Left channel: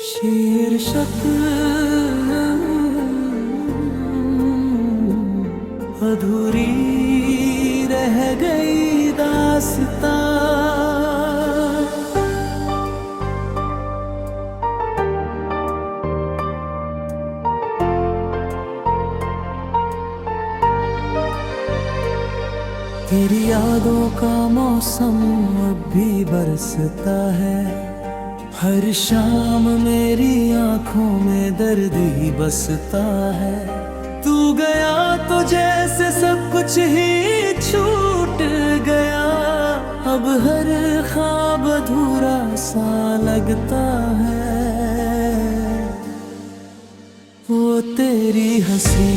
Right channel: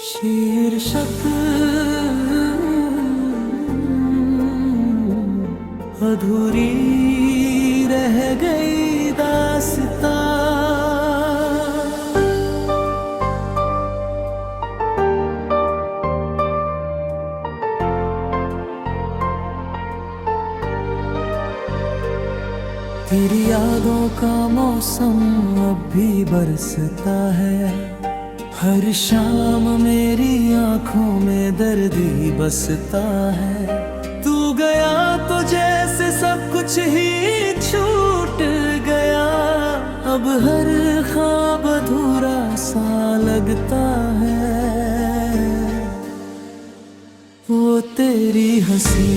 शीर्षक अधूरी रह गई दास्तां। तेरी यादों का मौसम अब भी बरसता है। हर शाम मेरी आंखों में दर्द ही बसता है। तू गया तो जैसे सब कुछ ही छूट गया। अब हर ख्वाब अधूरा सा लगता है। वो तेरी हंसी,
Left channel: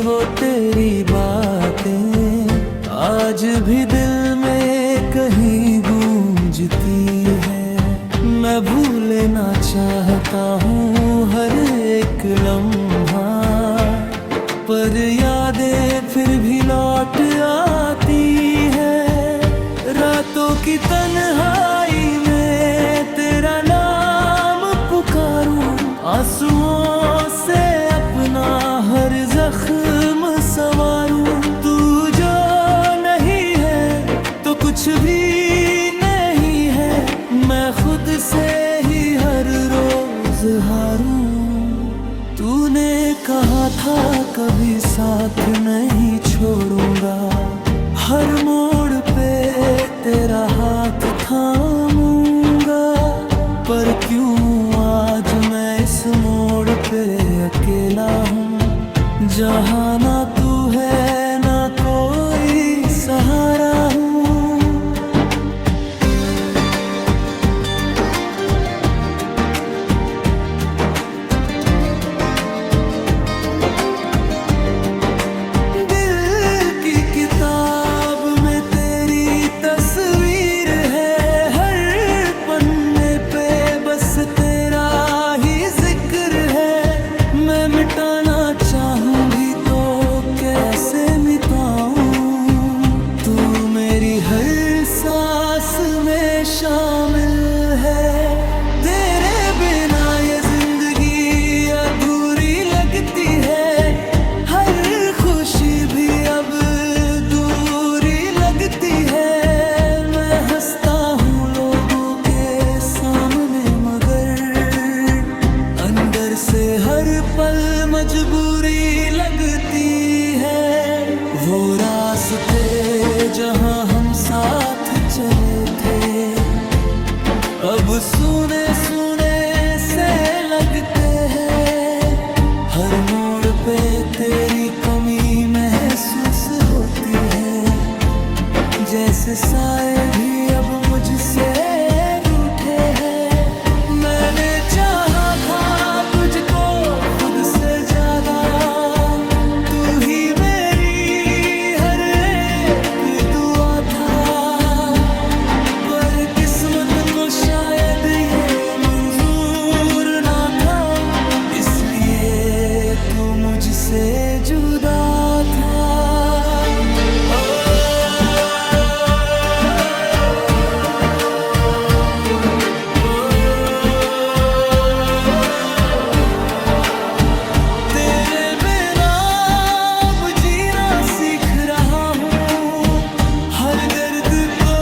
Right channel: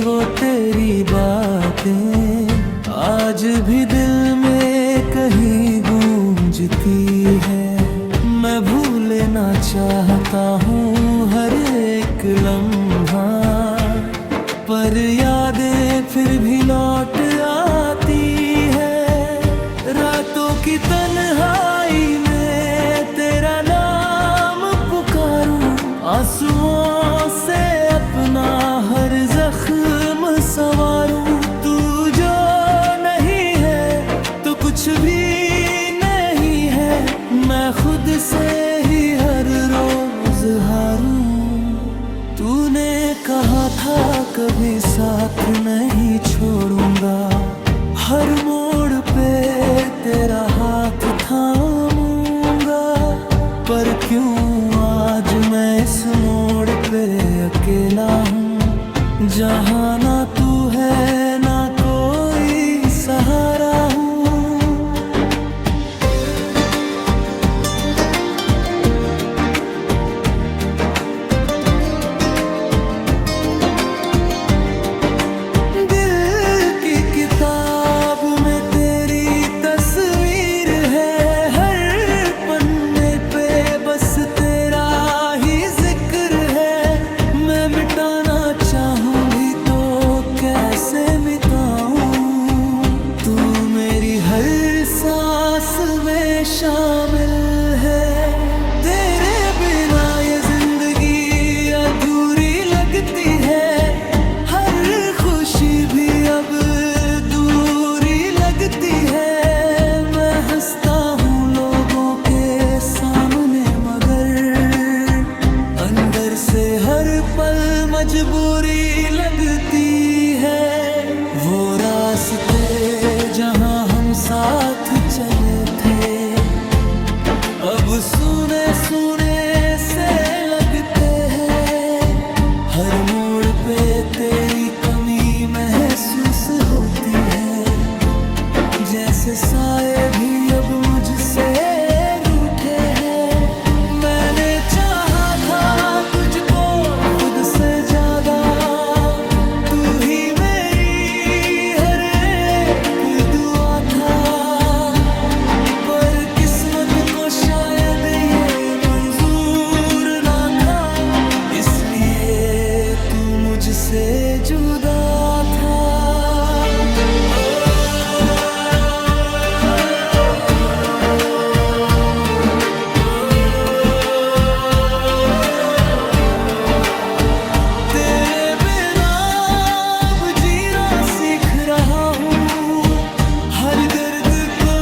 वो तेरी बातें आज भी दिल में कहीं गूंजती है। मैं भूलना चाहता हूँ हर एक लम्हा, पर यादें फिर भी लौट आती है। रातों की तन्हाई में तेरा नाम पुकारूं, आंसुओं से अपना हर जख्म संवारूं। तू जो नहीं है तो कुछ भी नहीं है, मैं खुद से ही हर रोज हारूं। तूने कहा था कभी साथ नहीं छोड़ूंगा, हर मोड़ पे तेरा हाथ थामूंगा। पर क्यों आज मैं इस मोड़ पे अकेला हूँ, जहाँ ना तू है ना कोई सहारा हूँ। दिल की किताब में तेरी तस्वीर है, हर पन्ने पे बस तेरा ही जिक्र है। मैं मिटाना चाहूं भी तो कैसे मिटाऊं, तू मेरी हर सांस में शामिल है। तेरे बिना ये जिंदगी अधूरी लगती है, हर खुशी भी अब दूरी लगती है। मैं हंसता हूँ लोगों के सामने, मगर अंदर से हर पल मजबूरी लगती है। वो रास्ते जहाँ हम साथ चले थे, अब सुने सुने से लगते हैं। हर मोड़ पे तेरी कमी महसूस होती है, जैसे साए भी अब मुझसे रूठे हैं। मैंने चाहा था तुझको खुद से ज्यादा, तू ही मेरी हर एक दुआ था। पर किस्मत को शायद ये मंजूर ना था, इसलिए तू मुझसे जुदा था। तेरे बिना अब जीना सीख रहा हूँ, हर दर्द को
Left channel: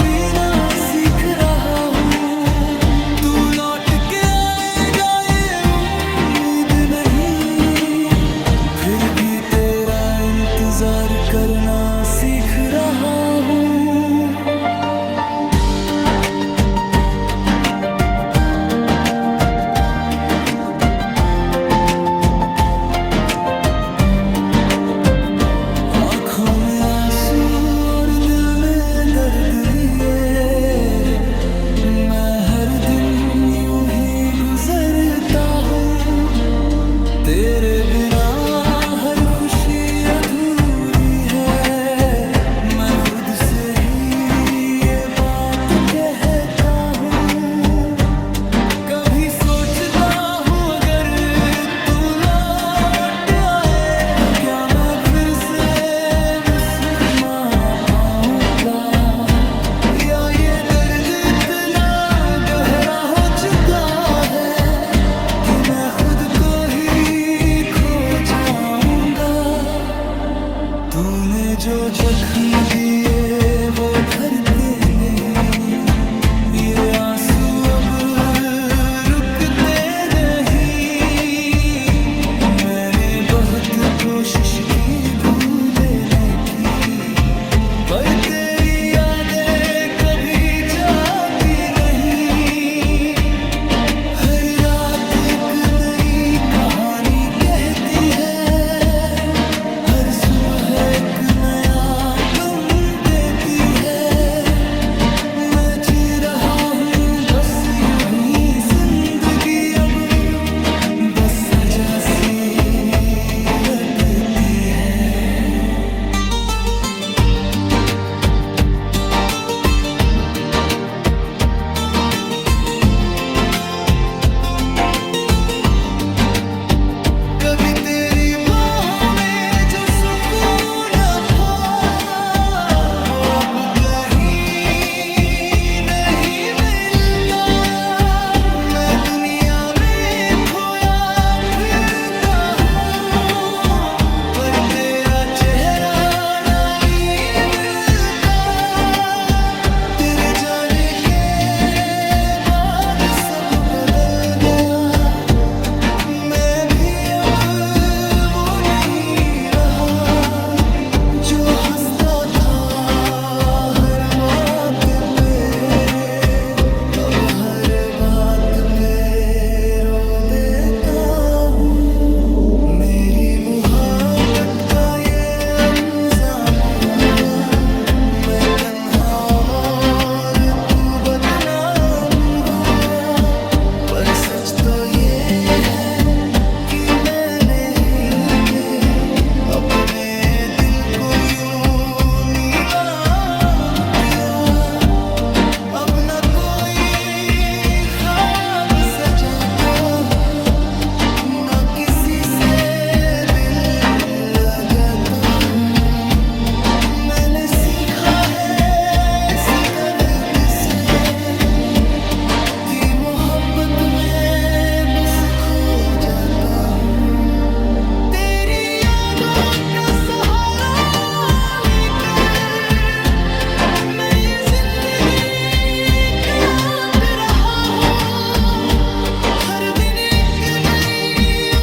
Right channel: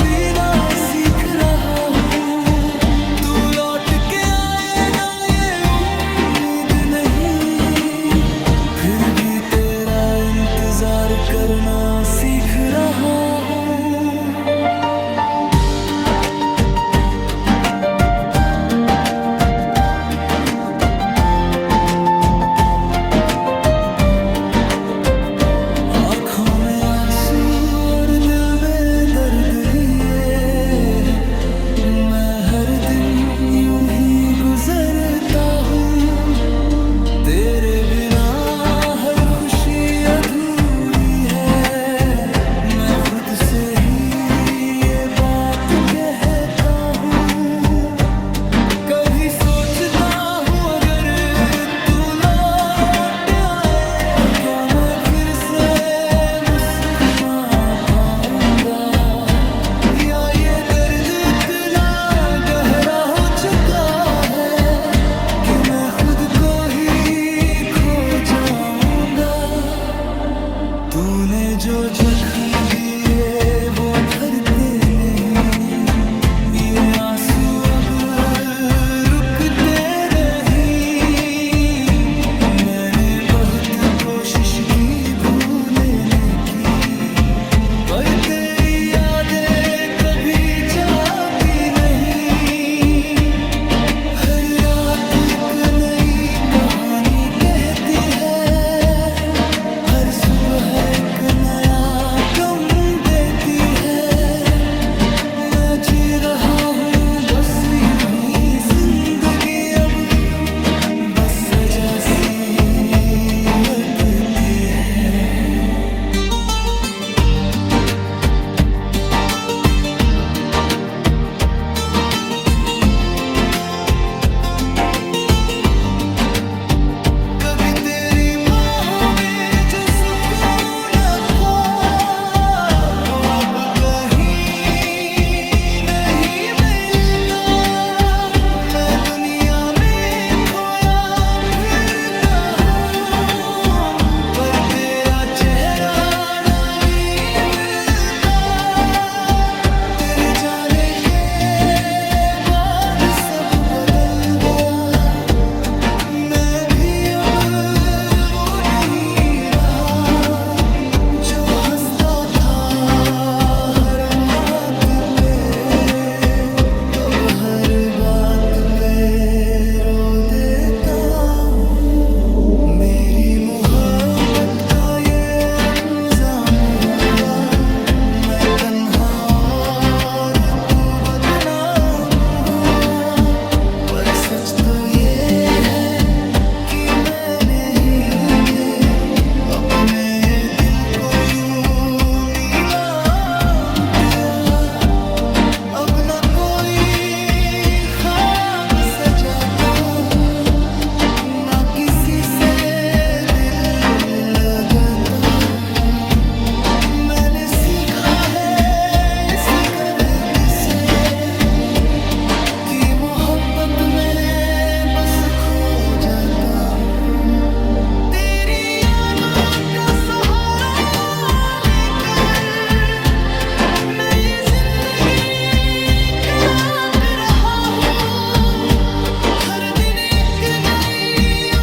पीना सीख रहा हूँ। तू लौट के आएगा ये उम्मीद नहीं, फिर भी तेरा इंतजार करना सीख रहा हूँ। आँखों में आंसू और दिल में दर्द लिए, मैं हर दिन यूं ही गुजरता हूँ। तेरे बिना हर खुशी अधूरी है, मैं खुद से ही ये बात कहता हूँ। कभी सोचता हूँ अगर तू लौट आए तो क्या मैं फिर से मुस्कुरा पाऊंगा, या ये दर्द इतना गहरा हो को ही खो जाऊंगा। तूने जो जख्म दिए वो भरते नहीं, ये आंसू अब रुकते नहीं। मैंने बहुत कोशिश की भूलने की, पर तेरी यादें कभी जाती नहीं। हर रात एक नई कहानी कहती है, हर सुबह एक नया गम देती है। मैं जी रहा हूँ बस यूं ही जिंदगी, अब बस सजा सी लगती है। कभी तेरी बाहों में जो सुकून था, वो अब कहीं नहीं मिलता। मैं दुनिया में खोया फिरता हूँ, पर तेरा चेहरा नहीं मिलता। तेरे जाने के बाद सब बदल गया, मैं भी अब वो नहीं रहा जो हंसता था हर बात पे। अब हर बात पे रो देता हूँ। मेरी मोहब्बत का ये अंजाम हुआ, मैं तन्हा और तू बदनाम हुआ। पर सच तो ये है कि मैंने ही ये अपने दिल को यूं नीलाम किया। अब न कोई ख्वाब सजाता हूँ, न किसी से दिल लगाता हूँ। मैंने सीखा है इस दर्द से कि मोहब्बत में बस खो जाता हूँ। तेरी यादों का सहारा लेकर मैं ये जिंदगी काट रहा हूँ। हर दिन एक नई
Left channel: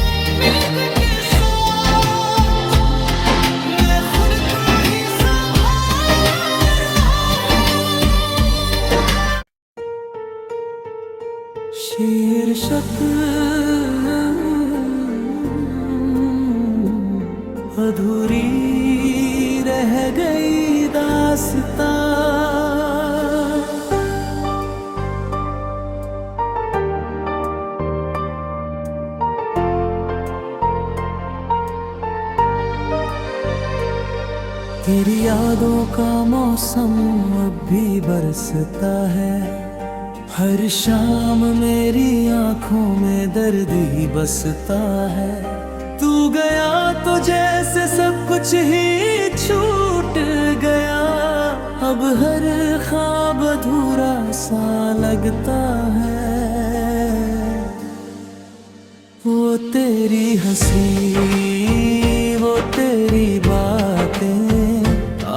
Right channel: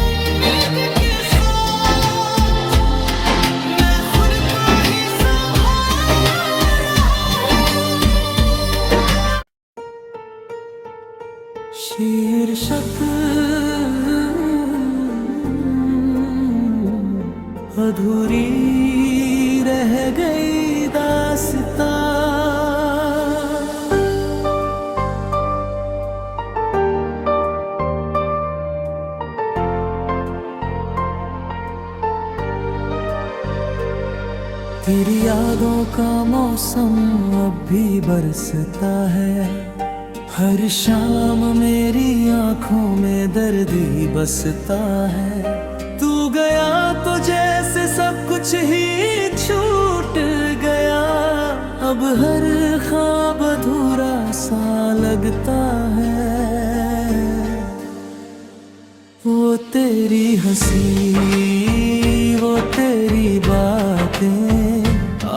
उम्मीद के साथ मैं खुद को ही संभाल रहा हूँ। शीर्षक अधूरी रह गई दास्तां। तेरी यादों का मौसम अब भी बरसता है, हर शाम मेरी आंखों में दर्द ही बसता है। तू गया तो जैसे सब कुछ ही छूट गया, अब हर ख्वाब अधूरा सा लगता है। वो तेरी हंसी, वो तेरी बातें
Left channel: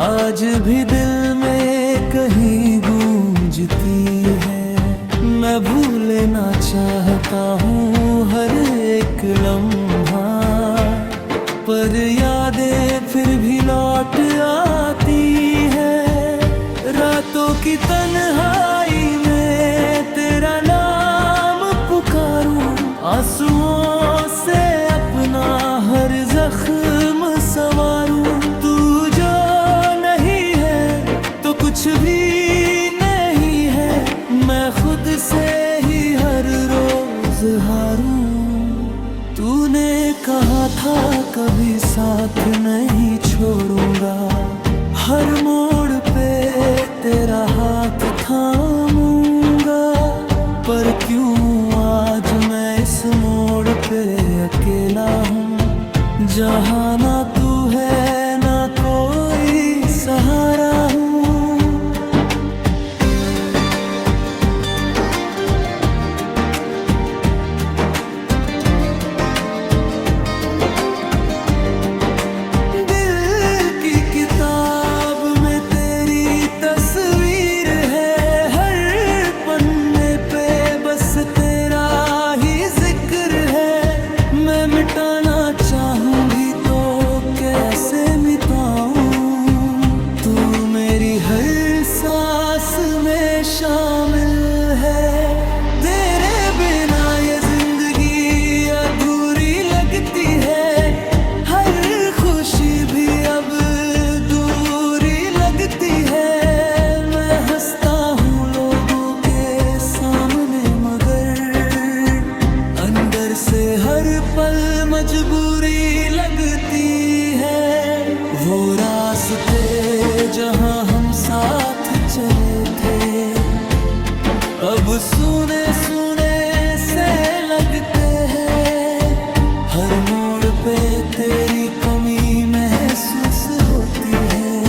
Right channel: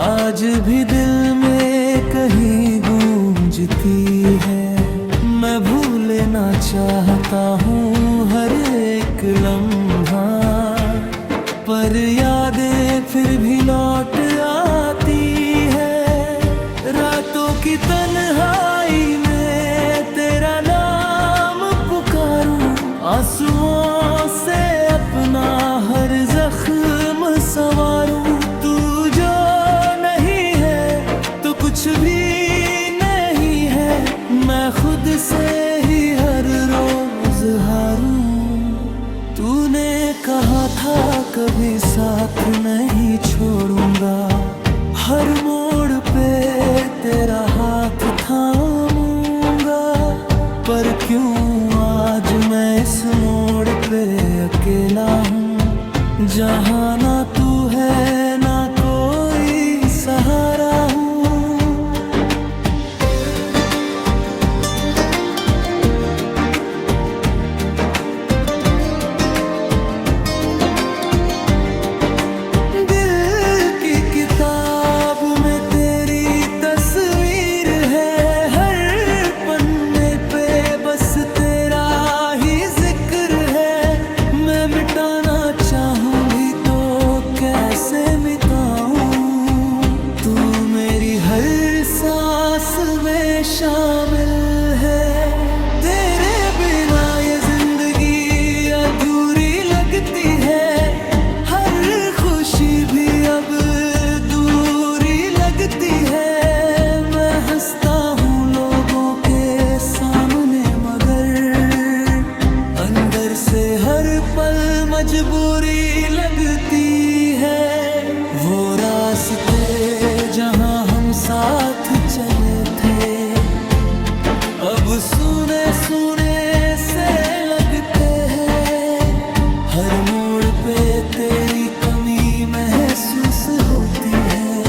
आज भी दिल में कहीं गूंजती है। मैं भूलना चाहता हूँ हर एक लम्हा, पर यादें फिर भी लौट आती है। रातों की तन्हाई में तेरा नाम पुकारूं, आंसुओं से अपना हर जख्म संवारूं। तू जो नहीं है तो कुछ भी नहीं है, मैं खुद से ही हर रोज हारूं। तूने कहा था कभी साथ नहीं छोड़ूंगा, हर मोड़ पे तेरा हाथ थामूंगा। पर क्यों आज मैं इस मोड़ पे अकेला हूँ, जहाँ ना तू है ना कोई सहारा हूँ। बस तेरा ही जिक्र है। मैं मिटाना चाहूं भी तो कैसे मिटाऊं, तू मेरी हर सांस में शामिल है। तेरे बिना ये जिंदगी अधूरी लगती है, हर खुशी भी अब दूरी लगती है। मैं हंसता हूँ लोगों के सामने मगर अंदर से हर पल मजबूरी लगती है। वो रास्ते जहाँ हम साथ चले थे अब सुने सुने से लगते हैं। हर मोड़ पे तेरी कमी महसूस होती है,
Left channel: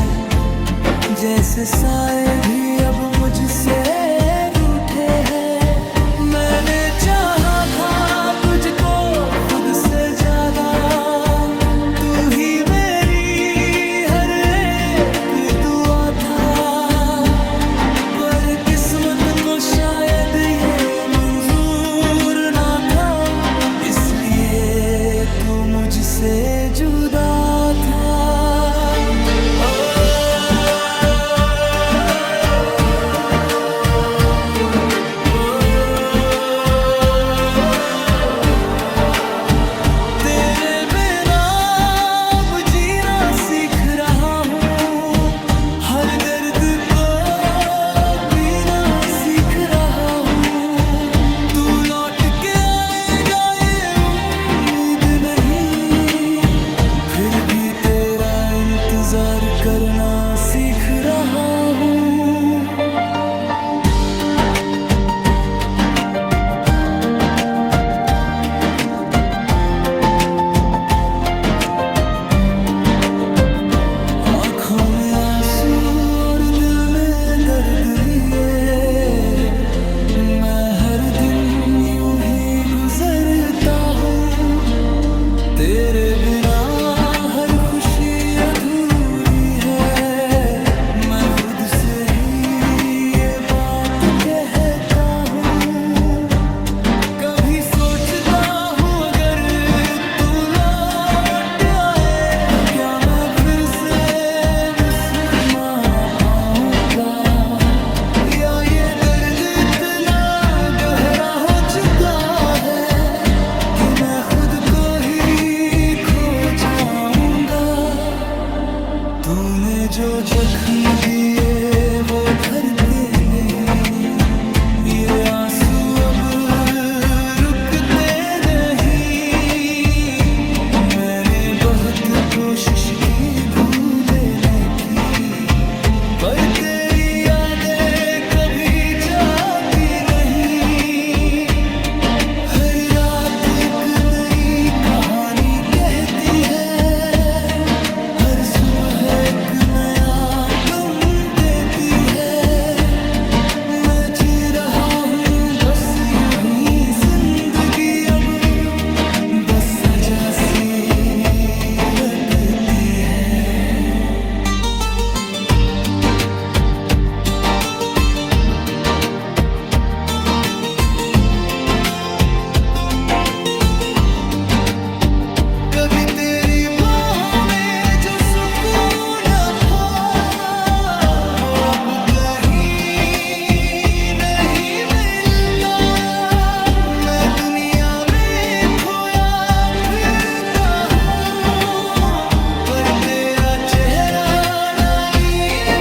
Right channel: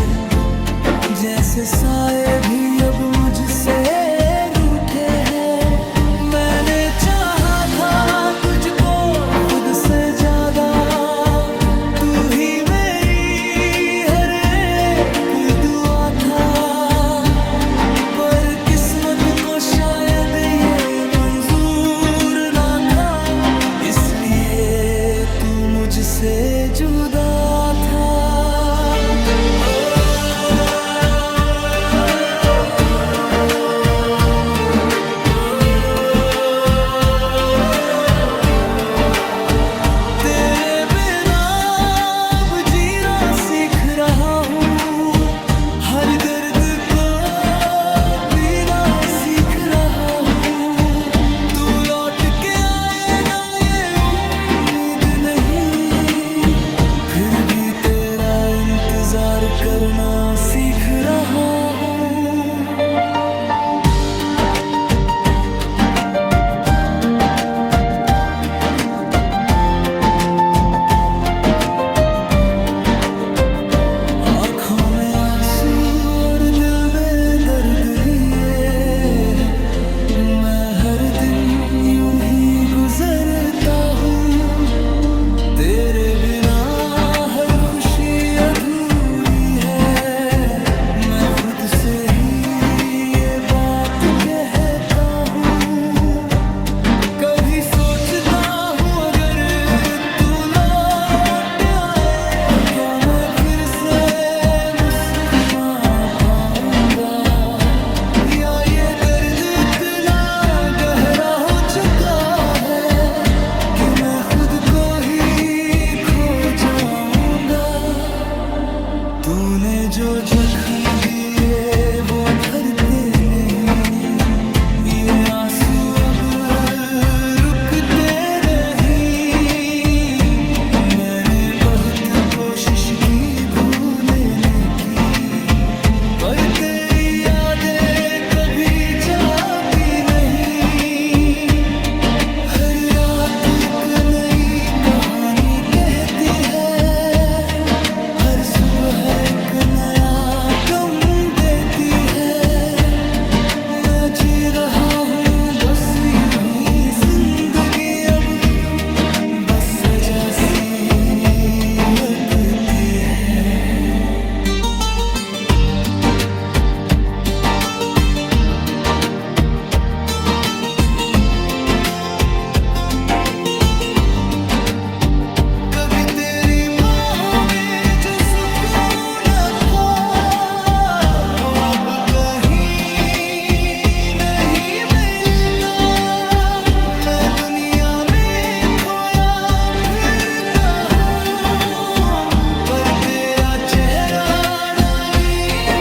जैसे साए भी अब मुझसे रूठे हैं। मैंने चाहा था तुझको खुद से ज्यादा, तू ही मेरी हर एक दुआ था। पर किस्मत को शायद ये मंजूर ना था, इसलिए तू मुझसे जुदा था। तेरे बिना अब जीना सीख रहा हूँ, हर दर्द को पीना सीख रहा हूँ। तू लौट के आएगा ये उम्मीद नहीं, फिर भी तेरा इंतजार करना सीख रहा हूँ। आँखों में आंसू और दिल में दर्द लिए, मैं हर दिन यूं ही गुजरता हूँ। तेरे बिना हर खुशी अधूरी है, मैं खुद से ही ये बात कहता हूँ। कभी सोचता हूँ अगर तू लौट आए तो क्या मैं फिर से मुस्कुरा पाऊंगा, या ये दर्द इतना गहरा हो चुका है कि मैं खुद को ही खो जाऊंगा। तूने जो जख्म दिए वो भरते नहीं, ये आंसू अब रुकते नहीं। मैंने बहुत कोशिश की भूलने की, पर तेरी यादें कभी जाती नहीं। हर रात एक नई कहानी कहती है, हर सुबह एक नया गम देती है। मैं जी रहा हूँ बस यूं ही जिंदगी अब बस सजा सी लगती है। कभी तेरी बाहों में जो सुकून था वो अब कहीं नहीं मिलता। मैं दुनिया में खोया फिरता हूँ, पर तेरा चेहरा रानी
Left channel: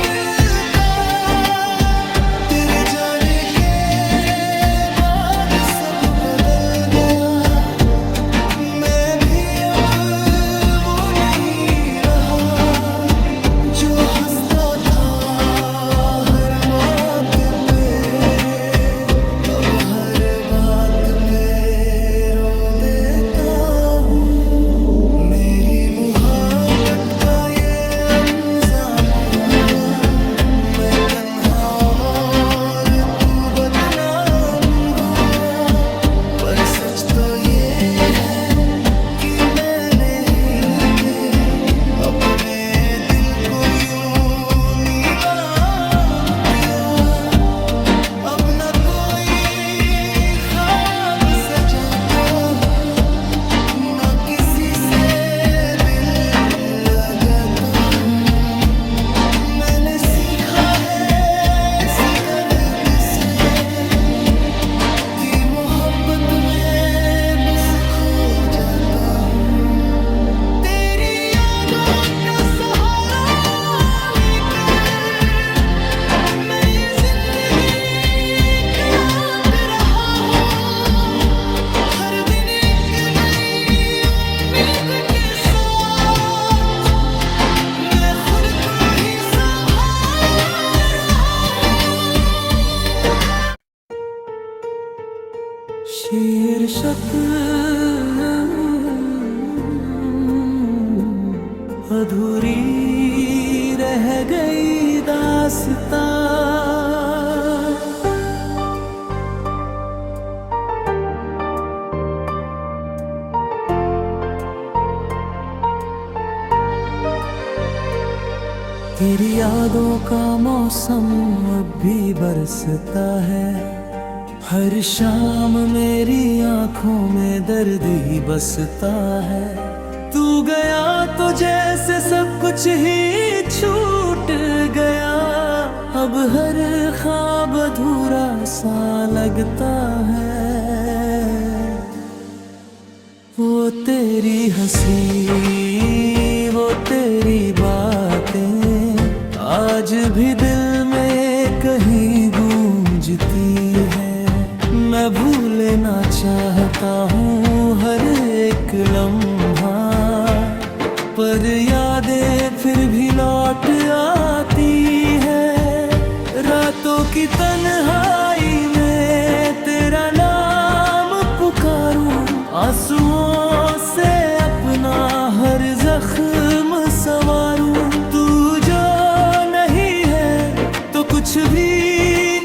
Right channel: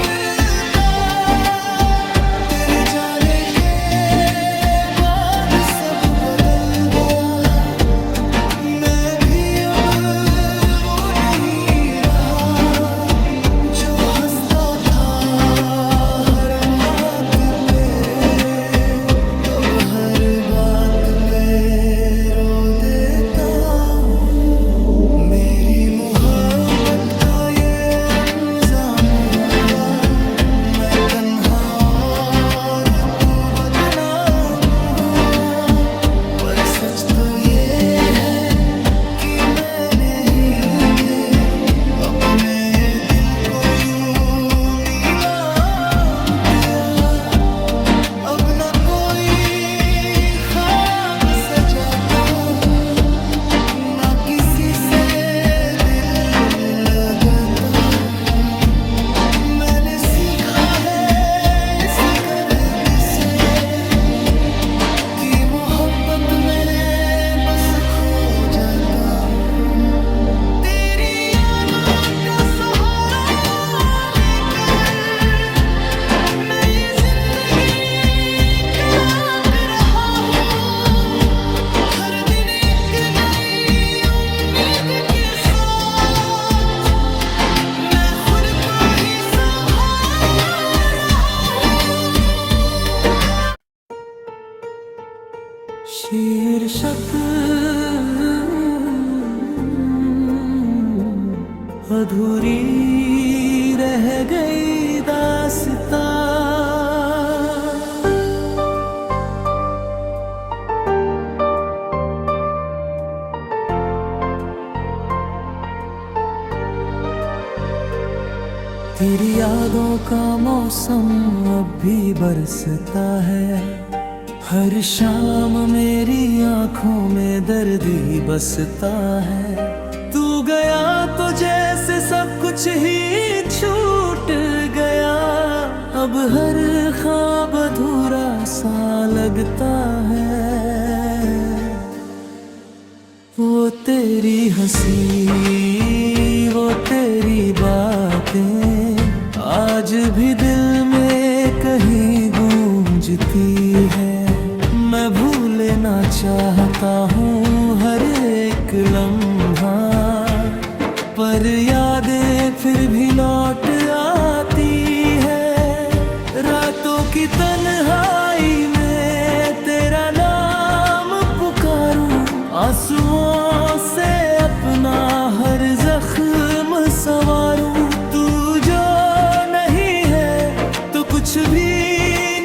मिलता। तेरे जाने के बाद सब बदल गया, मैं भी अब वो नहीं रहा जो हंसता था हर बात पे। अब हर बात पे रो देता हूँ। मेरी मोहब्बत का ये अंजाम हुआ, मैं तन्हा और तू बदनाम हुआ। पर सच तो ये है कि मैंने ही अपने दिल को यूं नीलाम किया। अब न कोई मोहब्बत में बस खो जाता हूँ। तेरी यादों का सहारा लेकर मैं ये जिंदगी काट रहा हूँ। हर दिन एक नई उम्मीद के साथ मैं खुद को ही संभाल रहा हूँ। शीर्षक अधूरी रह गई दास्तां। तेरी यादों का मौसम अब भी बरसता है। हर शाम मेरी आंखों में दर्द ही बसता है। तू गया तो जैसे सब कुछ ही छूट गया। अब हर ख्वाब अधूरा सा लगता है। वो तेरी हंसी, वो तेरी बातें आज भी दिल में कहीं गूंजती है। मैं भूलना चाहता हूँ हर एक लम्हा, पर यादें फिर भी लौट आती है। रातों की तन्हाई में तेरा नाम पुकारूं, आंसुओं से अपना हर जख्म संवारूं। तू जो नहीं है तो कुछ भी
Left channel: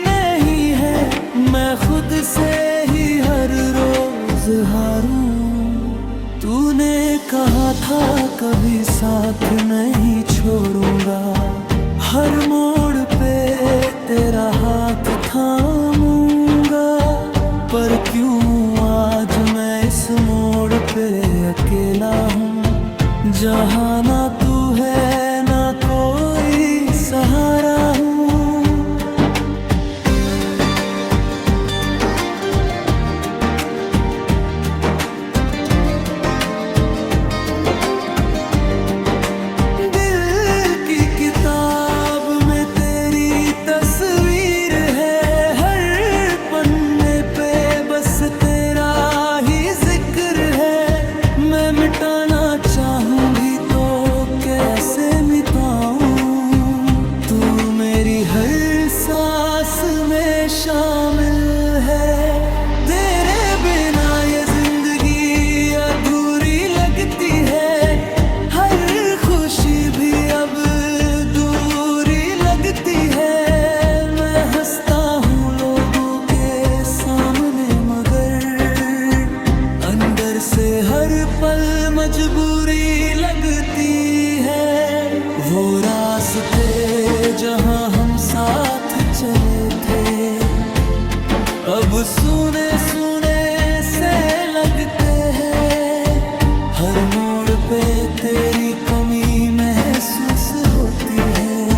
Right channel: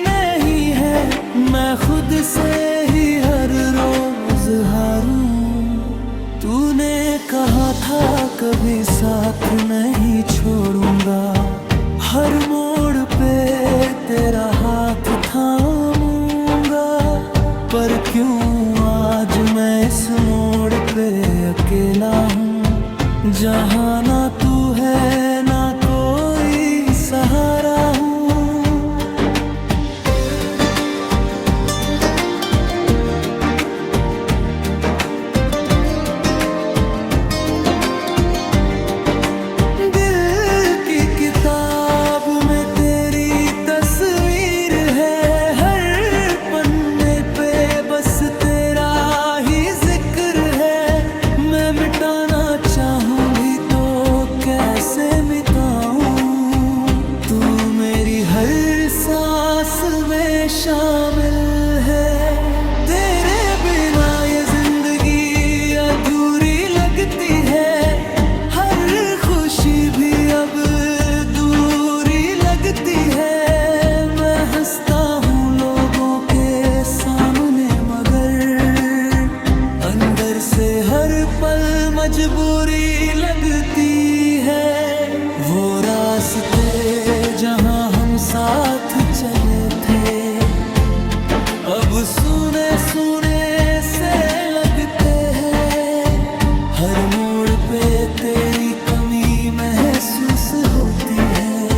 नहीं है, मैं खुद से ही हर रोज हारूं। तूने कहा था कभी साथ नहीं छोड़ूंगा, हर मोड़ पे तेरा हाथ थामूंगा। पर क्यों आज मैं इस मोड़ पे अकेला हूँ, जहाँ ना तू है ना कोई सहारा हूँ। दिल की किताब में तेरी तस्वीर है, हर पन्ने पे बस तेरा ही जिक्र है। मैं मिटाना चाहूँ भी तो कैसे मिटाऊं, तू मेरी हर सांस में शामिल है। तेरे बिना ये जिंदगी अधूरी लगती है, हर खुशी भी अब दूरी लगती है। मैं हंसता हूँ लोगों के सामने, मगर अंदर से हर पल मजबूरी लगती है। वो रास्ते जहाँ हम साथ चले थे, अब सुने सुने से लगते हैं। हर मोड़ पे तेरी कमी महसूस होती है,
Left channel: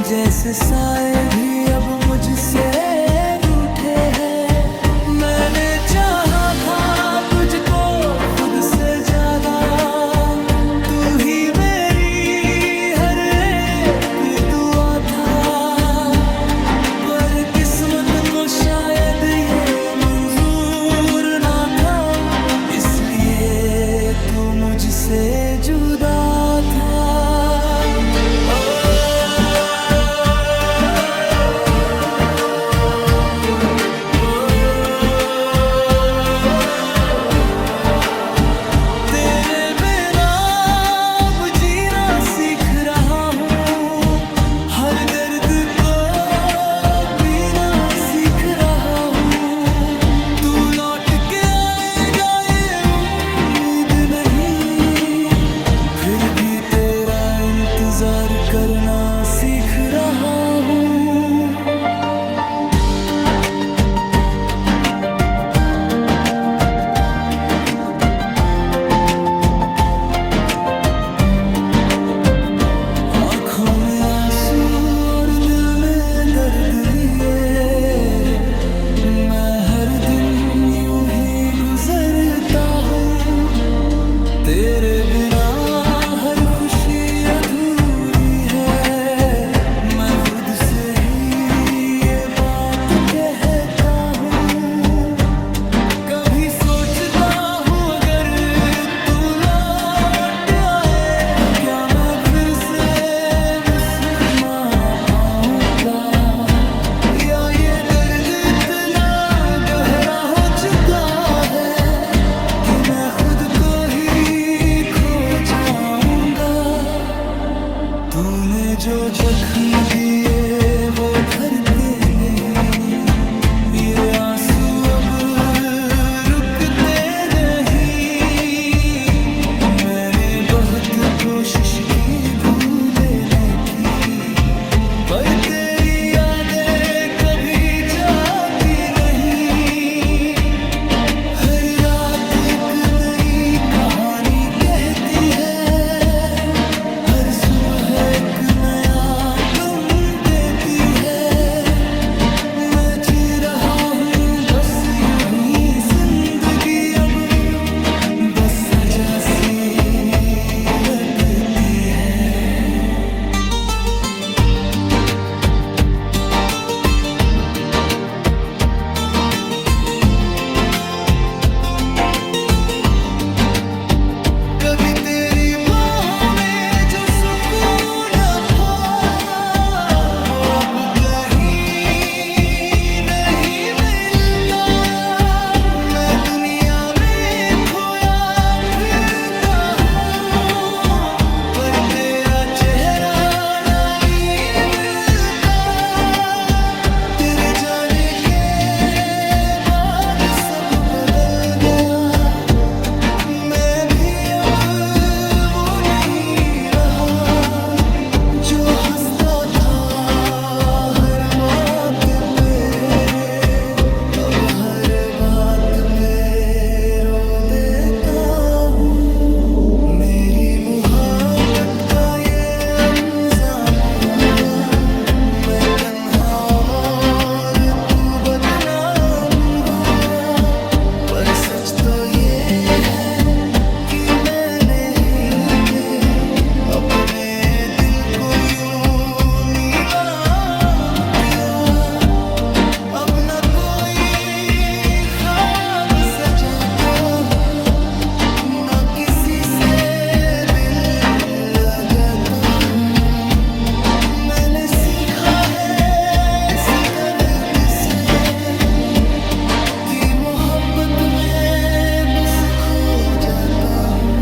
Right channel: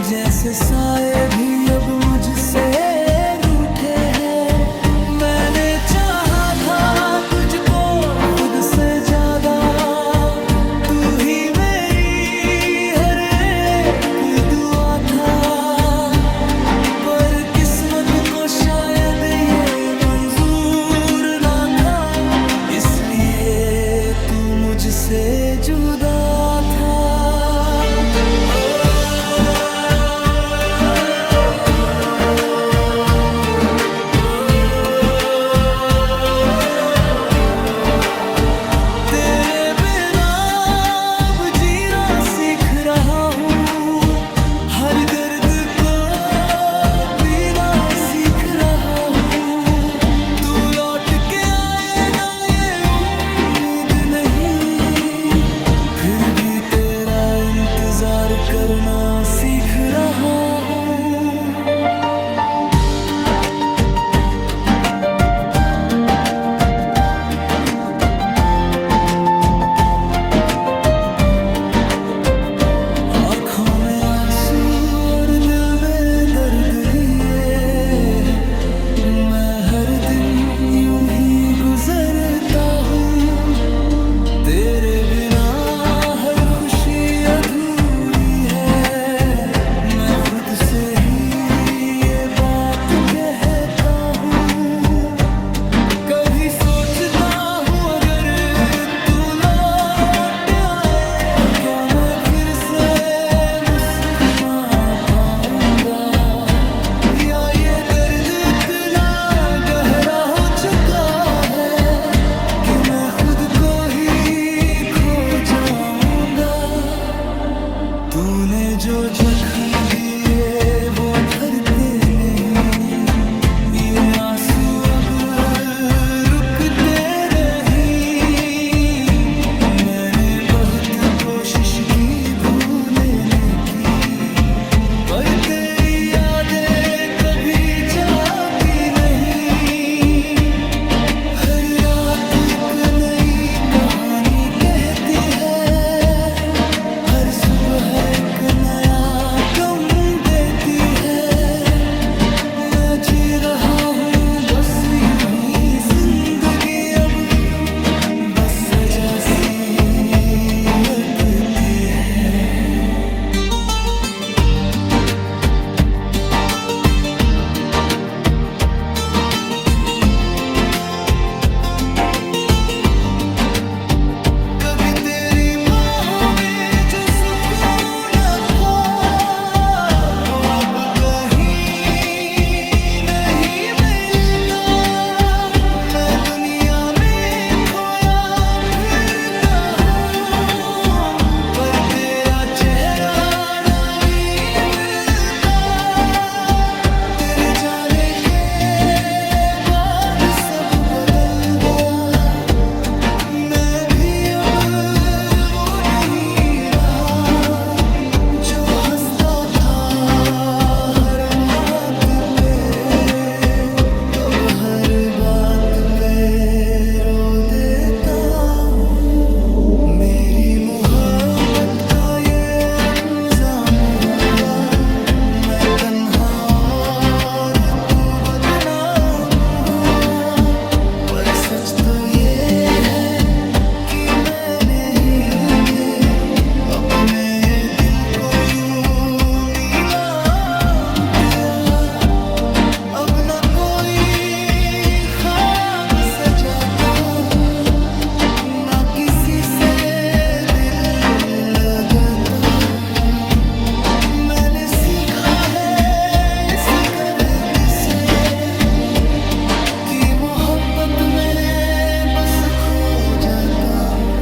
जैसे साए भी अब मुझसे रूठे हैं। मैंने चाहा था तुझको खुद से ज्यादा, तू ही मेरी हर एक दुआ था। पर किस्मत को शायद ये मंजूर ना था, इसलिए तू मुझसे जुदा था। तेरे बिना अब जीना सीख रहा हूँ, हर दर्द को पीना सीख रहा हूँ। तू लौट के आएगा ये उम्मीद नहीं, फिर भी तेरा इंतजार करना सीख रहा हूँ। आँखों में आंसू और दिल में दर्द लिए, मैं हर दिन गुजरता हूँ। तेरे बिना हर खुशी अधूरी है, मैं खुद से ही ये बात कहता हूँ। कभी सोचता हूँ अगर तू लौट आए तो क्या मैं फिर से मुस्कुरा पाऊंगा, या ये दर्द इतना गहरा हो चुका है कि मैं खुद को ही खो जाऊंगा। तूने जो जख्म दिए वो भरते नहीं, ये आंसू अब रुकते नहीं। मैंने बहुत कोशिश की भूलने की, पर तेरी यादें कभी जाती नहीं। हर रात एक नई कहानी कहती है, हर सुबह एक नया गम देती है। मैं जी रहा हूँ बस यूं ही जिंदगी, अब बस सजा सी लगती है। कभी तेरी बाहों में जो सुकून था वो अब कहीं नहीं मिलता। मैं दुनिया में खोया फिरता हूँ, पर तेरा चेहरा रानी मिलता। तेरे जाने के बाद सब बदल गया, मैं भी अब वो नहीं रहा जो हंसता था हर बात पे। अब हर बात पे रो देता हूँ। मेरी मोहब्बत का ये अंजाम हुआ, मैं तन्हा और तू बदनाम हुआ। पर सच तो ये है कि मैंने ही ये अपने दिल को यूं नीलाम किया। अब न कोई ख्वाब सजाता हूँ, न किसी से दिल लगाता हूँ। मैंने सीखा है इस दर्द से कि मोहब्बत में बस खो जाता हूँ।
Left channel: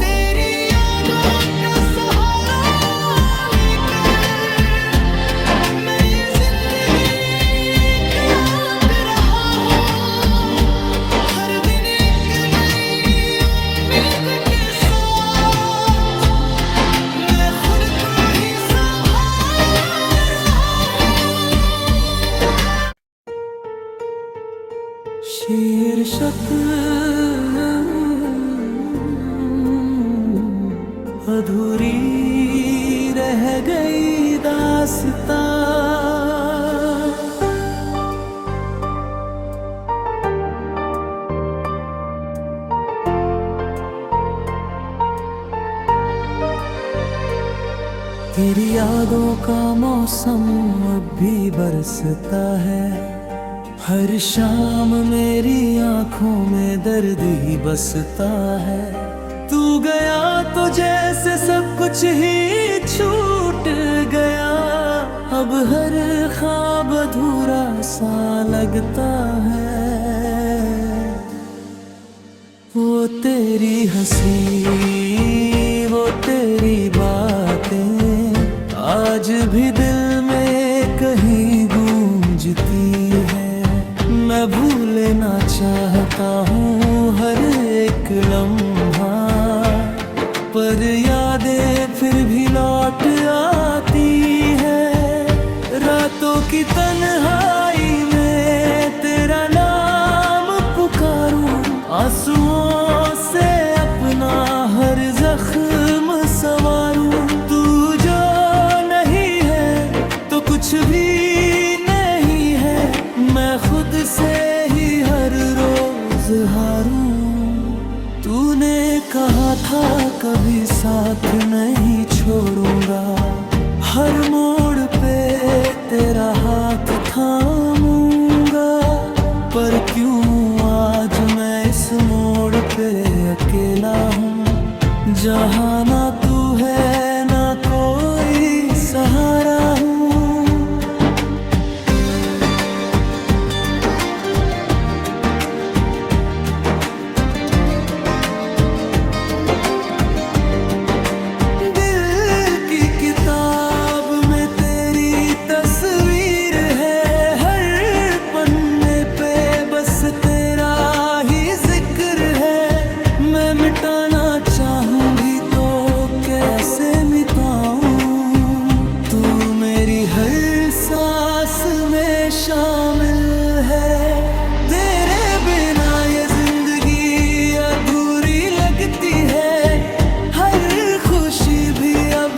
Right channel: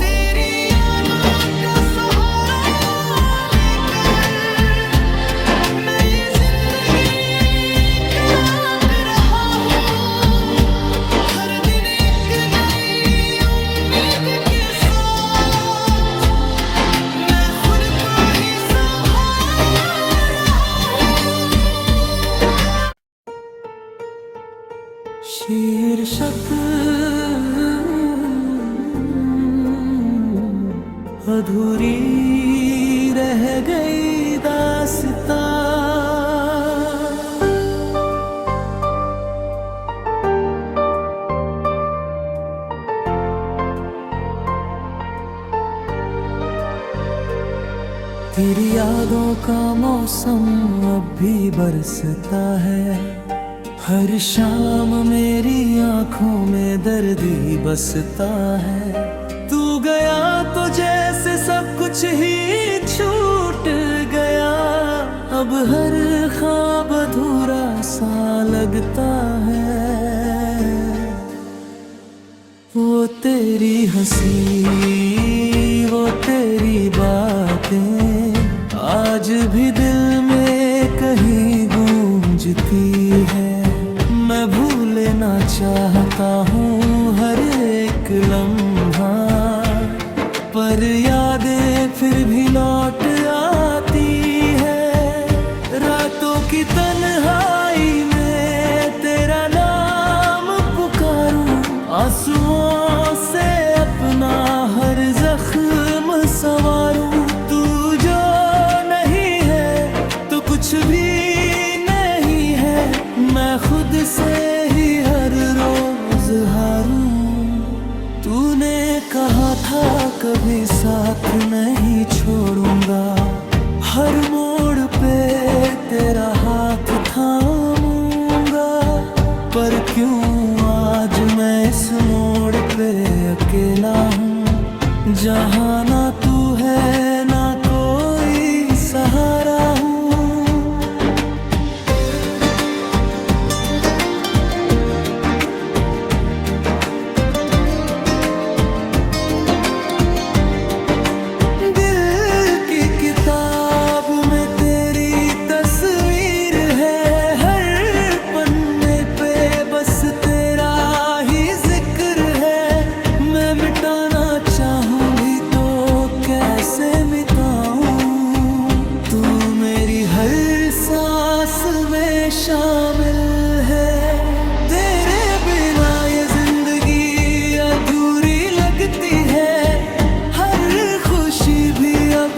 तेरी यादों का सहारा लेकर मैं ये जिंदगी काट रहा हूँ। हर दिन एक नई उम्मीद के साथ मैं खुद को ही संभाल रहा हूँ। शीर्षक अधूरी रह गई दास्तां। तेरी यादों का मौसम अब भी बरसता है, हर शाम मेरी आंखों में दर्द ही बसता है। तू गया तो जैसे सब कुछ ही छूट गया, अब हर ख्वाब अधूरा सा लगता है। वो तेरी हंसी, वो तेरी बातें आज भी दिल में कहीं गूंजती है। मैं भूलना चाहता हूँ हर एक लम्हा, पर यादें फिर भी लौट आती है। रातों की तन्हाई में तेरा नाम पुकारूं, आंसुओं से अपना हर जख्म संवारूं। तू जो नहीं है तो कुछ भी नहीं है, मैं खुद से ही हर रोज इजहारूं। तूने कहा था कभी साथ नहीं छोड़ूंगा, हर मोड़ पे तेरा हाथ थामूंगा। पर क्यों आज मैं इस मोड़ पे अकेला हूँ, जहाँ ना तू है ना कोई सहारा हूँ। दिल की किताब में तेरी तस्वीर है, हर पन्ने पे बस तेरा ही जिक्र है। मैं मिटाना चाहूँ भी तो कैसे मिटाऊं, तू मेरी हर सांस में शामिल है। तेरे बिना ये जिंदगी अधूरी लगती है, हर खुशी भी अब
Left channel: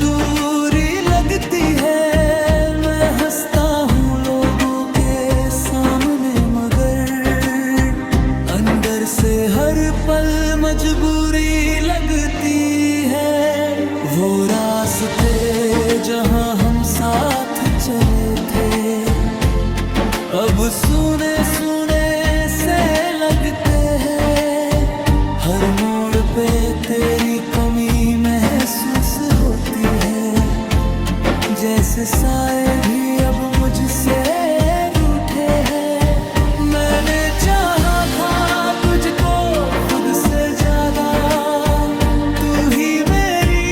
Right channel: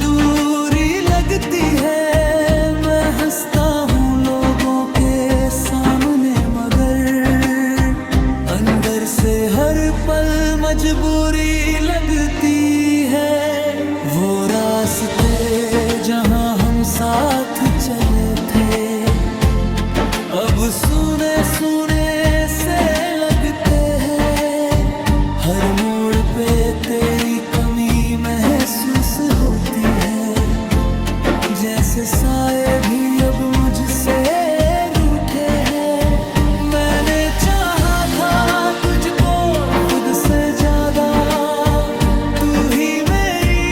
दूरी लगती है। मैं हंसता हूँ लोगों के सामने मगर अंदर से हर पल मजबूरी लगती है। वो रास्ते जहाँ हम साथ चले थे, अब सुने सुने से लगते हैं। हर मोड़ पे तेरी कमी महसूस होती है, जैसे साए भी अब मुझसे रूठे हैं। मैंने चाहा था तुझको खुद से ज्यादा, तू ही मेरी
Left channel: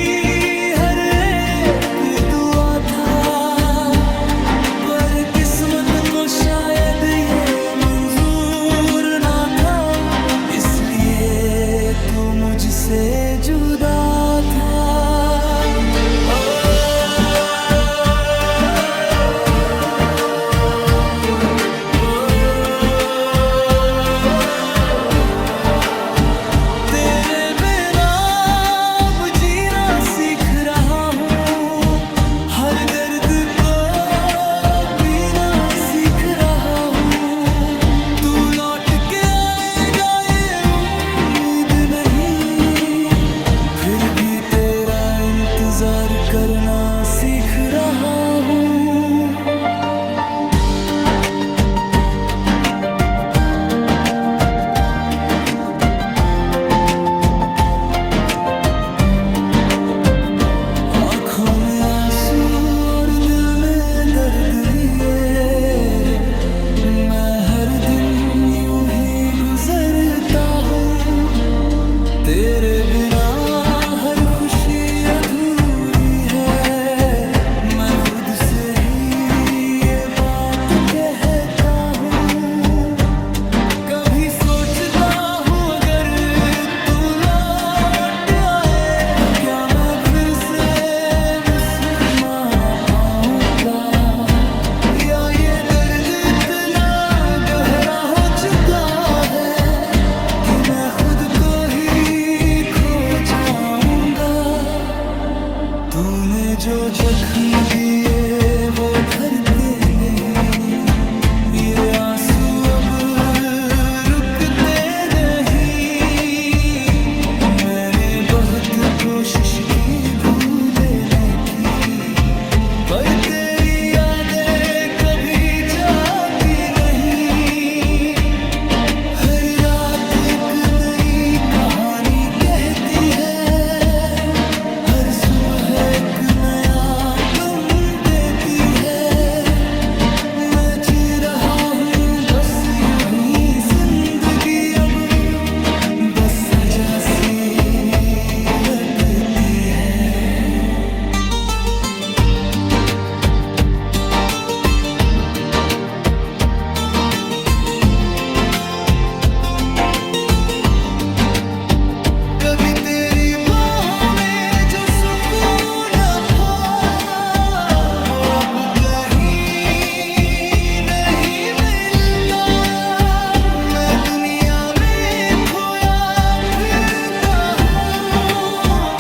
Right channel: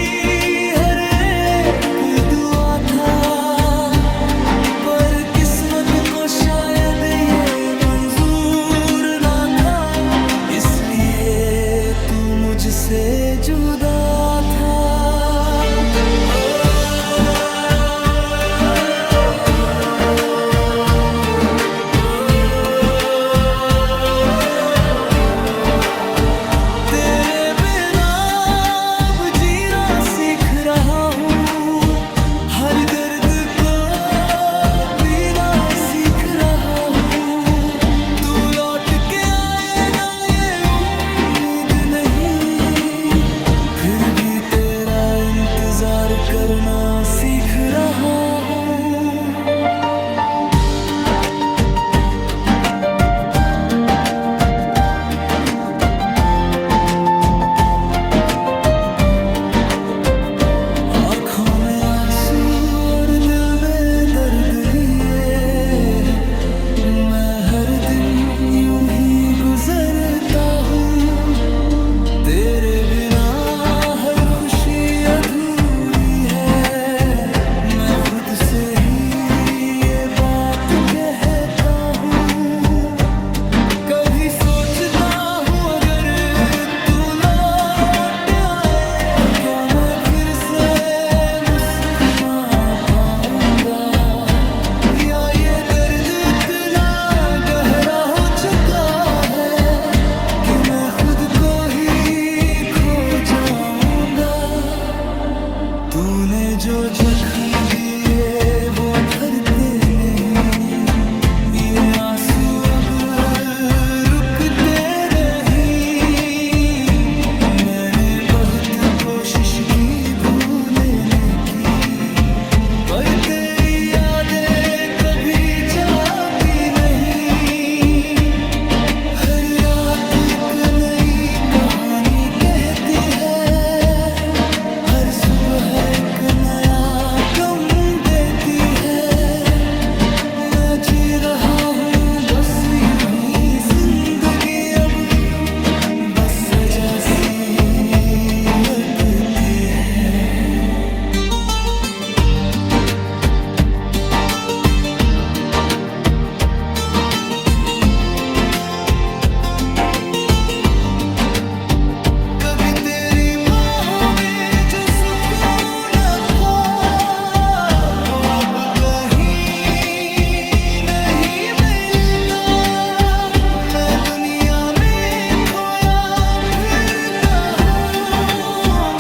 हर एक दुआ था। पर किस्मत को शायद ये मंजूर ना था, इसलिए तू मुझसे जुदा था। तेरे बिना अब जीना सीख रहा हूँ, हर दर्द को पीना सीख रहा हूँ। तू लौट के आएगा ये उम्मीद नहीं, फिर भी तेरा इंतजार करना सीख रहा हूँ। आँखों में आंसू और दिल में दर्द लिए, मैं हर दिन यूं ही गुजरता हूँ। तेरे बिना हर खुशी अधूरी है, मैं खुद से ही ये बात कहता हूँ। कभी सोचता हूँ अगर तू लौट आए तो क्या मैं फिर से मुस्कुरा पाऊंगा, या ये दर्द इतना गहरा हो चुका है कि मैं खुद को ही खो जाऊंगा। तूने जो जख्म दिए वो भरते नहीं, ये आंसू अब रुकते नहीं। मैंने बहुत कोशिश की भूलने की, पर तेरी यादें कभी जाती नहीं। हर रात एक नई कहानी कहती है, हर सुबह एक नया गम देती है। मैं जी रहा हूँ बस यूं ही जिंदगी अब, बस सजा सी लगती है। कभी तेरी बाहों में जो सुकून था, वो अब कहीं नहीं मिलता। मैं दुनिया में खोया फिरता हूँ,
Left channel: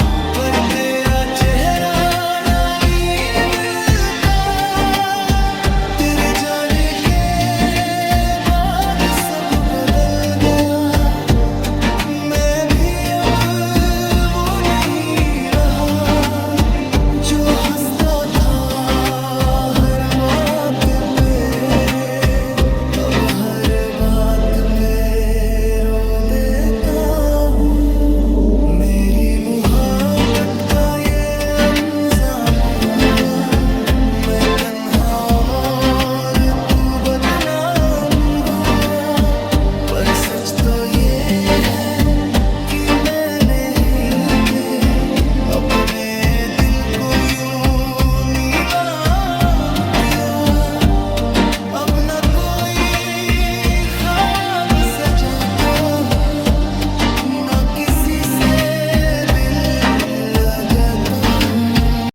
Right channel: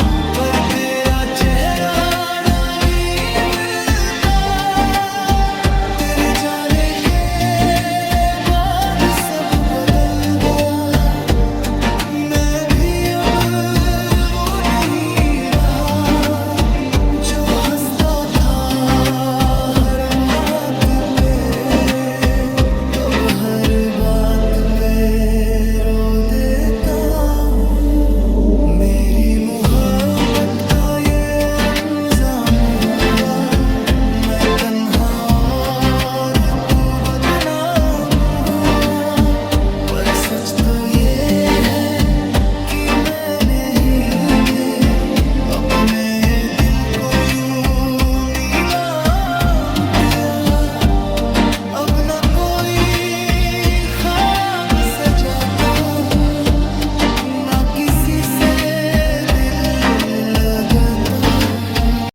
पे रो देता हूँ। मेरी मोहब्बत का ये अंजाम हुआ, मैं तन्हा और तू बदनाम हुआ। पर सच तो ये है कि मैंने ही ये अपने दिल को यूं नीलाम किया। अब न कोई ख्वाब सजाता हूँ, ना किसी